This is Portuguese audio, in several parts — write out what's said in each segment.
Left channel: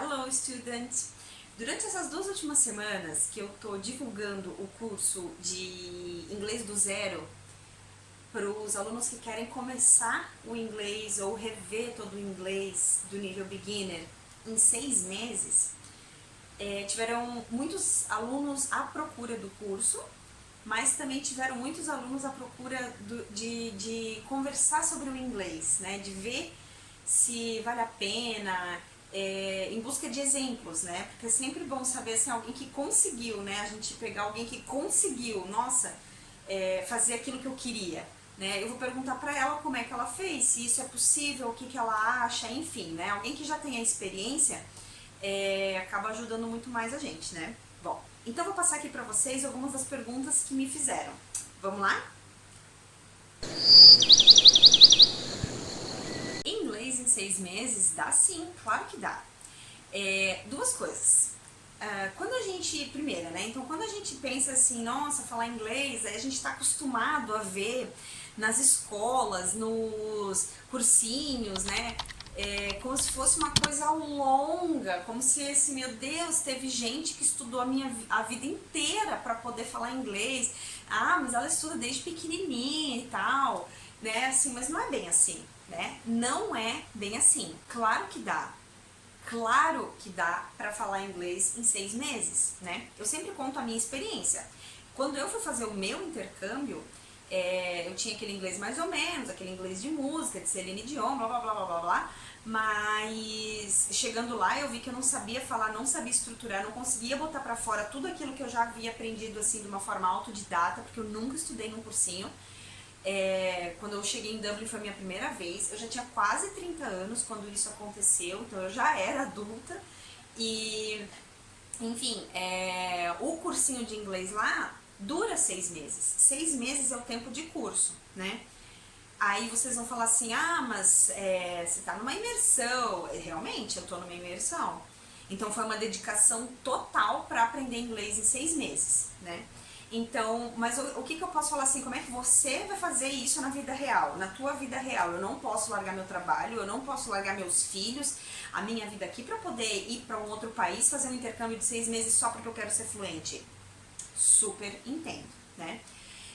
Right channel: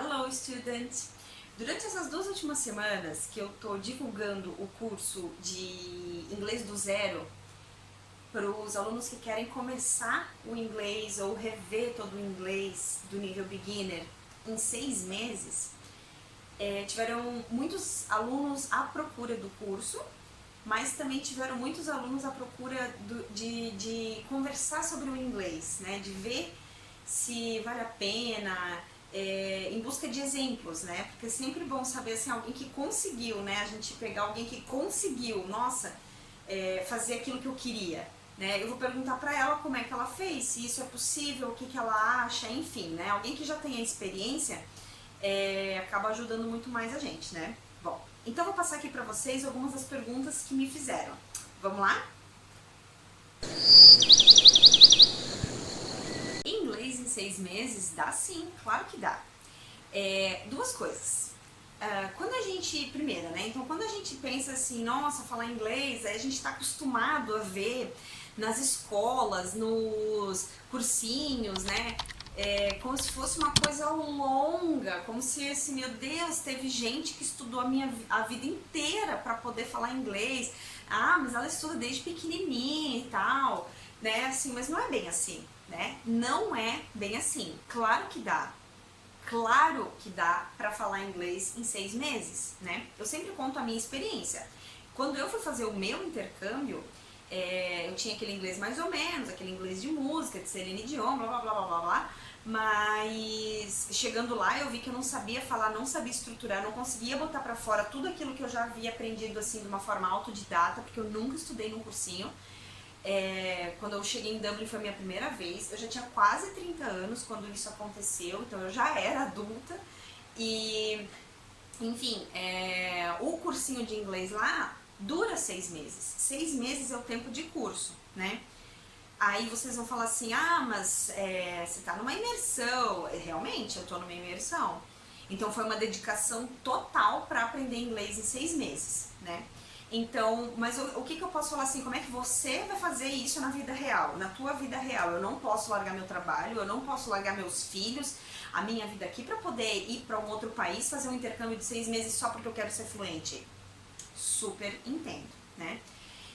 Hello, students! Durante essas 2 últimas semanas que eu tô divulgando o curso de inglês do zero para os alunos que querem começar o inglês ou rever todo o inglês do nível beginner em 6 meses, tiveram muitos alunos à procura do curso, mas também tiveram muitos alunos à procura de conversar sobre o inglês, né? De ver se vale a pena, em busca de exemplos, né? Porque é sempre bom saber assim, alguém que conseguiu, né? A gente pegar alguém que conseguiu, nossa, fazer aquilo que eu queria, né? Eu vou perguntar pra ela como é que ela fez, se isso é possível, o que que ela acha, enfim, né? Alguém que já tem a experiência acaba ajudando muito mais a gente, né? Bom, então eu vou passar aqui pra vocês algumas das perguntas que me fizeram. Vamos lá? Inglês em 6 meses? Dá sim, claro que dá. Duas coisas. Quando a gente, primeira, né? Então, quando a gente pensa assim, nossa, falar inglês, a gente está acostumado a ver nas escolas, nos cursinhos, né? Como se fosse uma coisa longa, como se assim, meu Deus, teve gente que estudou a vida inteira para poder falar inglês. Ah, mas ela estuda desde pequenininha e tal, né? Assim, mas não é bem assim, né? Não é bem assim. Claro que dá. Claro que dá para falar inglês em 6 meses, né? Eu sempre conto a minha experiência. Quando eu fui fazer o meu intercâmbio, eu tinha aquele inglês mais ou menos, aquele inglês de música, de Celine Dion, blá blá blá blá blá blá, mas chegando lá eu vi que eu não sabia falar, não sabia estruturar, não conseguia botar para fora tudo aquilo que eu já havia aprendido assim de uma forma autodidata, porque eu nunca estudei num cursinho. Quando eu cheguei em Dublin foi a minha primeira vez, eu já tinha quase 30 anos quando isso aconteceu, então eu já era adulta e, enfim, o cursinho de inglês lá dura 6 meses. 6 meses é o tempo de curso, né? Aí vocês vão falar assim, mas você tá numa imersão. Realmente, eu tô numa imersão. Então foi uma dedicação total para aprender inglês em 6 meses, né? Então, mas o que eu posso falar assim, como é que você vai fazer isso na vida real, na tua vida real? Eu não posso largar meu trabalho, eu não posso largar meus filhos, a minha vida aqui para poder ir para um outro país, fazer um intercâmbio de 6 meses só porque eu quero ser fluente. Super entendo, né?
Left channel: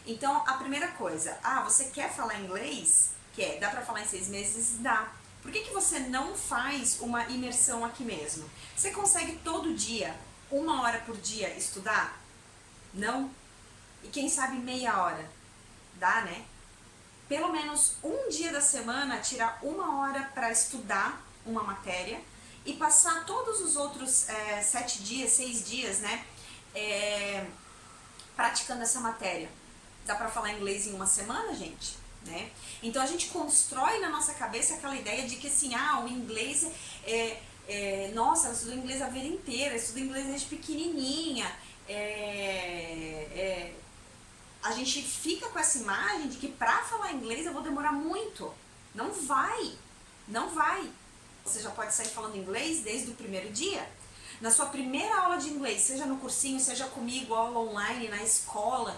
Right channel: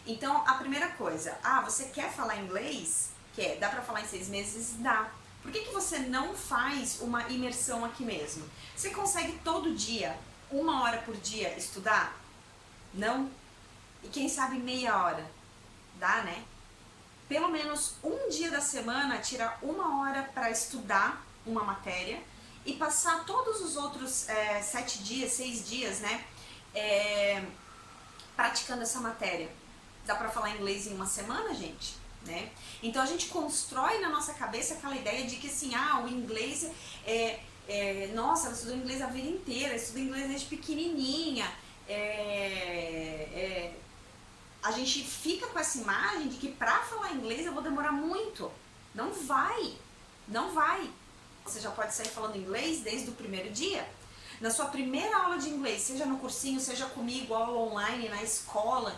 Então, a primeira coisa, você quer falar inglês? Quer? Dá pra falar em 6 meses? Dá. Por que você não faz uma imersão aqui mesmo? Você consegue todo dia, 1 hora por dia, estudar? Não? E quem sabe meia hora? Dá, né? Pelo menos um dia da semana, tirar 1 hora para estudar uma matéria e passar todos os outros 7 dias, 6 dias, né? Praticando essa matéria. Dá pra falar inglês em 1 semana, gente? Né? Então a gente constrói na nossa cabeça aquela ideia de que assim, o inglês nossa, ela estudou inglês a vida inteira, estudou inglês desde pequenininha. A gente fica com essa imagem de que pra falar inglês eu vou demorar muito. Não vai, não vai. Você já pode sair falando inglês desde o primeiro dia. Na sua primeira aula de inglês, seja no cursinho, seja comigo, aula online, na escola,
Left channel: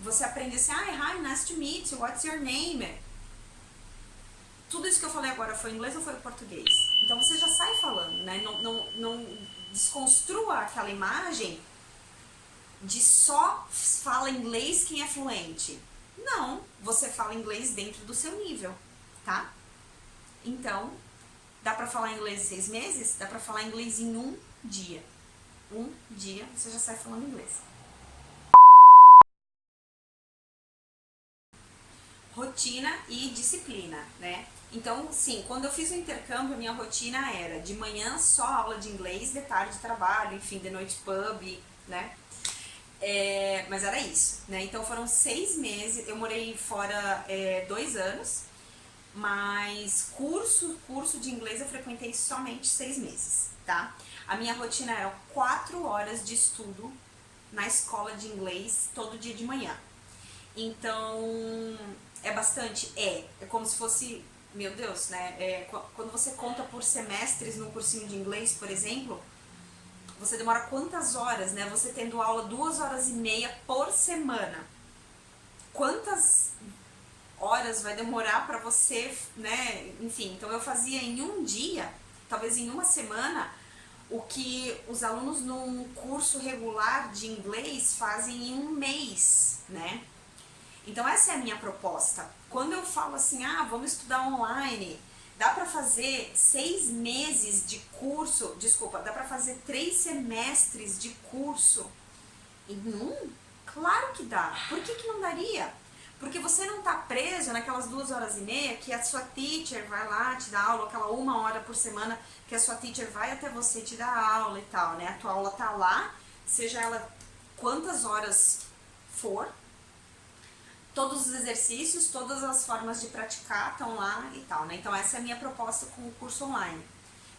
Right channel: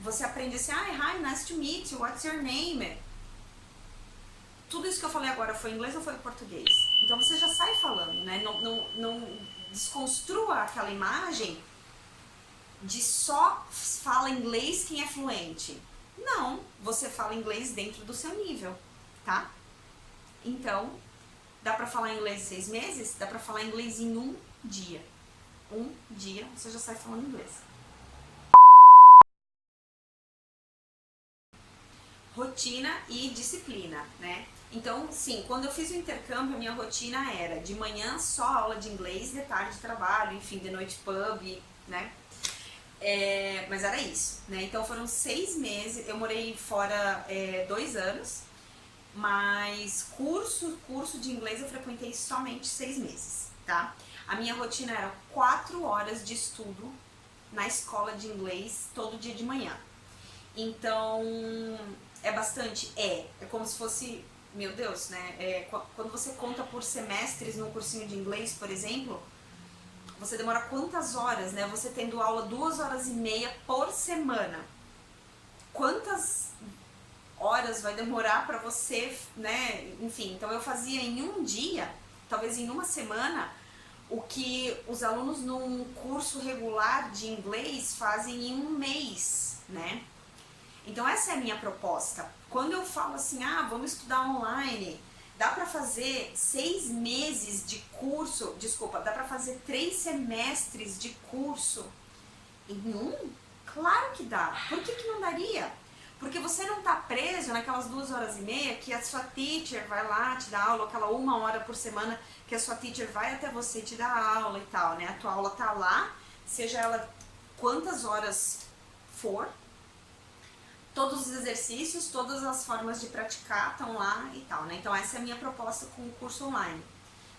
você aprende assim, hi, nice to meet you, what's your name? Tudo isso que eu falei agora foi inglês ou foi português? Então você já sai falando, né? Não desconstrua aquela imagem de só fala inglês quem é fluente. Não, você fala inglês dentro do seu nível, tá? Então, dá pra falar inglês em 6 meses? Dá pra falar inglês em 1 dia. 1 dia você já sai falando inglês. Rotina e disciplina, né? Então, sim, quando eu fiz o intercâmbio, a minha rotina era de manhã só aula de inglês, de tarde trabalho, enfim, de noite pub, né? Mas era isso, né? Então foram 6 meses, eu morei fora 2 anos, mas curso de inglês eu frequentei somente 6 meses, tá? A minha rotina era 4 horas de estudo na escola de inglês todo dia de manhã. Então, é bastante? É como se fosse, meu Deus, né? Quando você conta por semestres no cursinho de inglês, por exemplo, você demora quantas horas, né? Você tendo aula 2 horas e meia por semana. Quantas horas vai demorar pra você, né? Enfim, então eu fazia em um dia, talvez em 1 semana, o que os alunos num curso regular de inglês fazem em um mês, né? Então essa é a minha proposta. Quando eu falo assim, vamos estudar online, dá para fazer 6 meses de curso, dá para fazer 3 semestres de curso em um? Claro que dá. Por que não daria? Porque você não tá preso naquelas 2 horas e meia que a sua teacher vai lá te dar aula, aquela 1 hora por semana que a sua teacher vai até você te dar aula e tal, né? A tua aula tá lá, seja ela quantas horas for, todos os exercícios, todas as formas de praticar estão lá e tal, né? Então essa é a minha proposta com o curso online.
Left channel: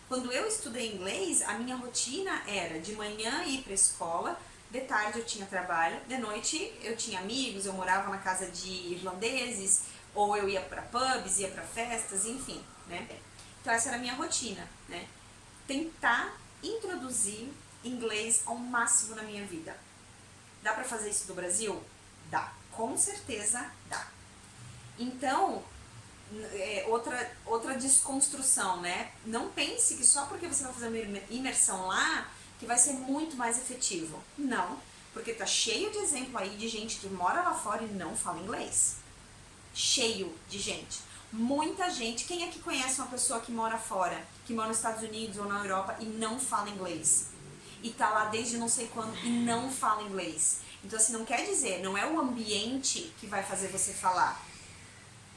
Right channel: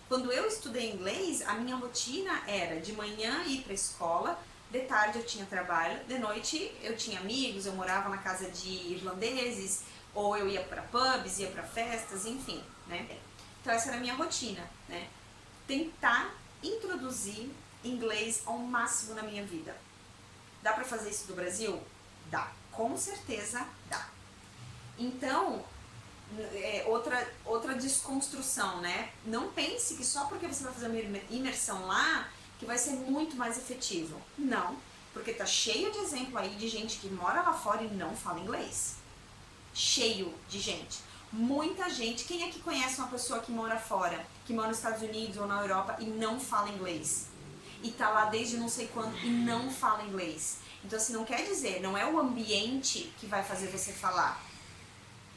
Quando eu estudei inglês, a minha rotina era de manhã ir pra escola, de tarde eu tinha trabalho, de noite eu tinha amigos, eu morava na casa de irlandeses, ou eu ia pra pubs, ia pra festas, enfim, né? Então essa era a minha rotina, né? Tentar introduzir inglês ao máximo na minha vida. Dá pra fazer isso do Brasil? Dá, com certeza dá. Então, outra desconstrução, né? Não pense que só porque você vai fazer uma imersão lá, que vai ser muito mais efetivo. Não, porque tá cheio de exemplo aí de gente que mora lá fora e não fala inglês. Cheio de gente. Muita gente. Quem é que conhece uma pessoa que mora fora, que mora nos Estados Unidos ou na Europa e não fala inglês? E tá lá desde não sei quando e não fala inglês. Então, assim, não quer dizer, não é o ambiente que vai fazer você falar,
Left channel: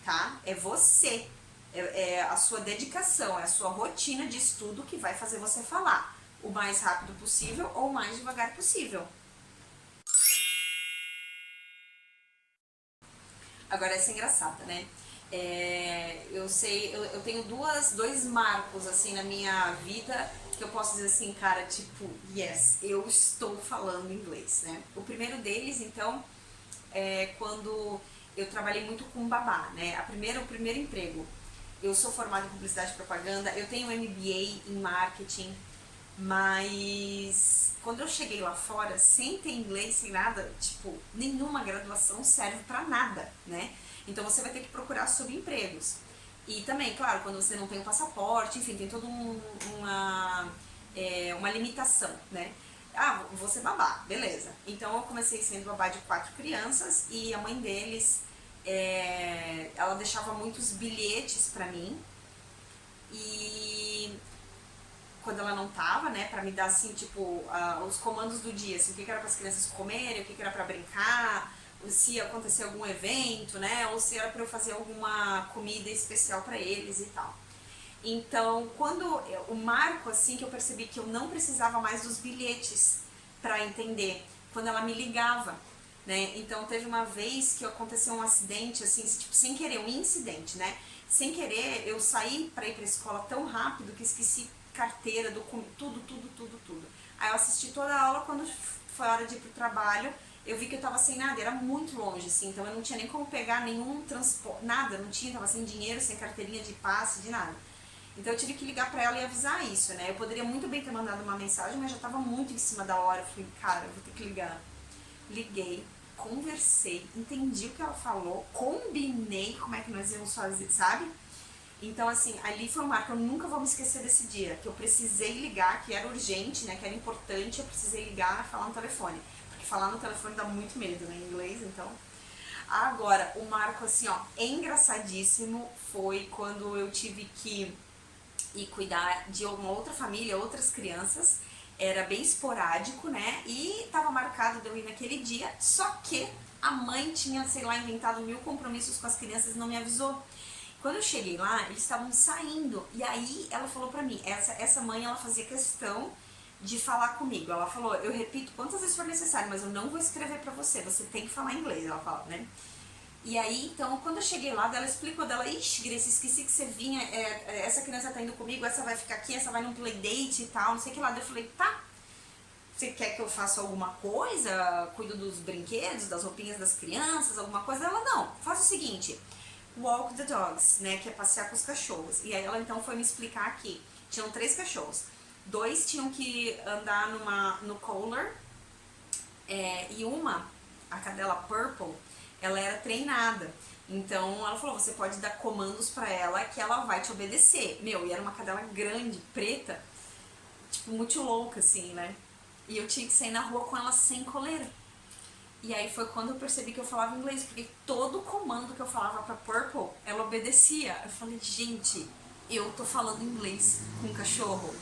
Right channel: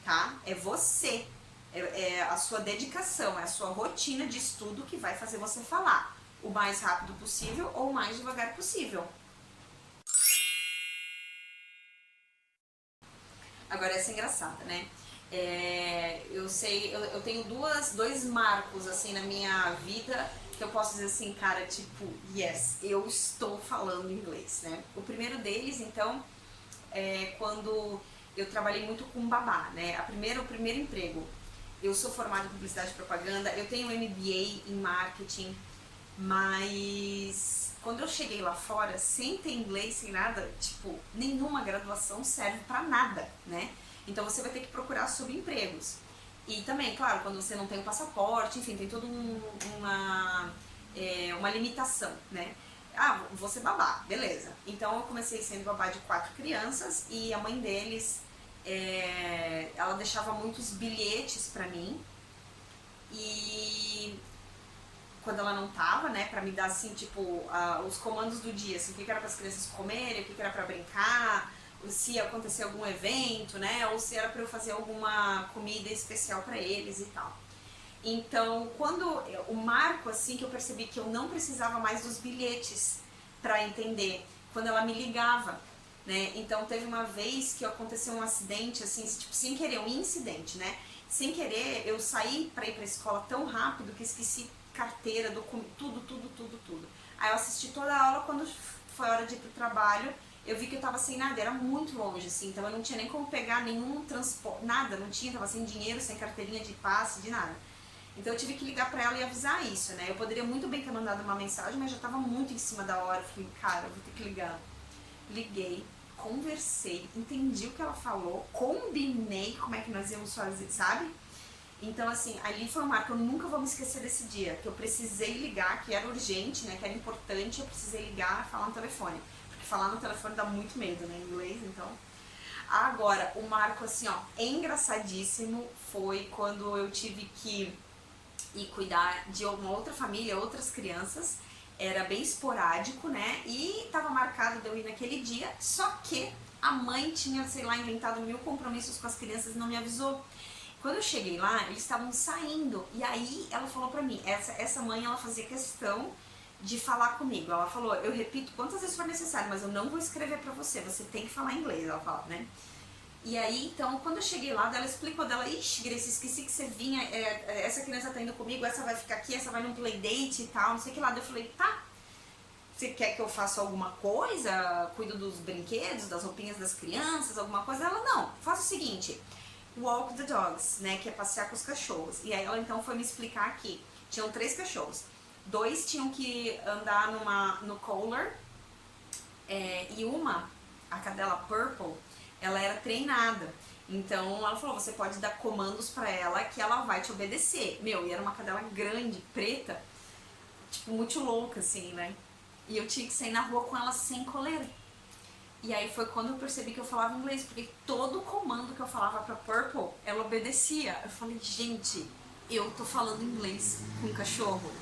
tá? É você. É a sua dedicação, é a sua rotina de estudo que vai fazer você falar o mais rápido possível ou o mais devagar possível. Agora essa é engraçada, né? Eu tenho dois marcos assim na minha vida que eu posso dizer assim, cara, tipo, yes, eu estou falando inglês, né? O primeiro deles, então, é quando eu trabalhei muito com babá, né? O primeiro emprego. Eu sou formada em publicidade e propaganda, eu tenho MBA em marketing, mas quando eu cheguei lá fora, sem ter inglês, sem nada, tipo, nenhuma graduação serve pra nada, né? Então você vai ter que procurar subempregos. E também, claro, quando você não tem um passaporte, enfim, tem toda uma limitação, né? Vou ser babá, beleza. Então eu comecei sendo babá de 4 crianças e a mãe deles, ela deixava muitos bilhetes pra mim e quando ela não tava, né, pra me dar assim, tipo, os comandos do dia, assim, o que era para as crianças comerem, o que era pra brincar, se ia acontecer algum evento, né, ou se era pra eu fazer alguma comida especial pra eles e tal. Então, quando o marco, assim, que eu percebi que eu não precisava mais dos bilhetes pra entender, quando ela me ligava, né, então teve uma vez que aconteceu um acidente, assim, tipo, sem querer, um incidente, né, sem querer, eu saí pra ir pra escola tão rápido que esqueci carteira, tudo. Aí eu assisti toda a aula, quando foi a hora de ir pro trabalho, eu vi que eu tava sem nada, era muito longe, assim, então eu não tinha nem como pegar nenhum transporte, nada, não tinha, tava sem dinheiro, sem carteirinha de passe, de nada. Então eu tive que ligar pra ela e avisar isso, né? Eu poderia muito bem ter mandado uma mensagem, mas já tava muito em cima da hora, eu falei, cara, eu vou ter que ligar. Liguei, conversei, entendi o que ela falou, combinei como é que nós íamos fazer, sabe? Então, assim, ali foi um marco, eu nunca vou me esquecer desse dia, que eu precisei ligar, que era urgente, né, que era importante, eu precisei ligar e falar no telefone. Porque falar no telefone dá muito medo, né, em inglês, então... Agora, o marco, assim, ó, engraçadíssimo foi quando eu tive que ir cuidar de uma outra família, outras crianças, era bem esporádico, né, e tava marcado de eu ir naquele dia, só que a mãe tinha, sei lá, inventado 1000 compromissos com as crianças e não me avisou. Quando eu cheguei lá, eles estavam saindo, e aí ela falou pra mim, essa mãe, ela fazia questão de falar comigo. Ela falou, eu repito quantas vezes for necessário, mas eu não vou escrever pra você tem que falar inglês, ela fala, né? E aí, então, quando eu cheguei lá, ela explicou dela, ixi, Grace, esqueci que você vinha, essa criança tá indo comigo, essa vai ficar aqui, essa vai num playdate e tal, não sei o que lá. Daí eu falei, tá, você quer que eu faça alguma coisa? Cuido dos brinquedos, das roupinhas das crianças, alguma coisa? Ela, não, faça o seguinte... Walk the dogs, né, que é passear com os cachorros. E aí ela então foi me explicar aqui. Tinham 3 cachorros. 2 tinham que andar no collar. E uma, a cadela Purple, ela era treinada. Então ela falou, você pode dar comandos pra ela que ela vai te obedecer. Meu, e era uma cadela grande, preta. tipo, muito louca, assim, né? E eu tinha que sair na rua com ela sem coleira. E aí foi quando eu percebi que eu falava inglês, porque todo comando que eu falava pra Purple, ela obedecia. Eu falei, gente, eu tô falando inglês com um cachorro.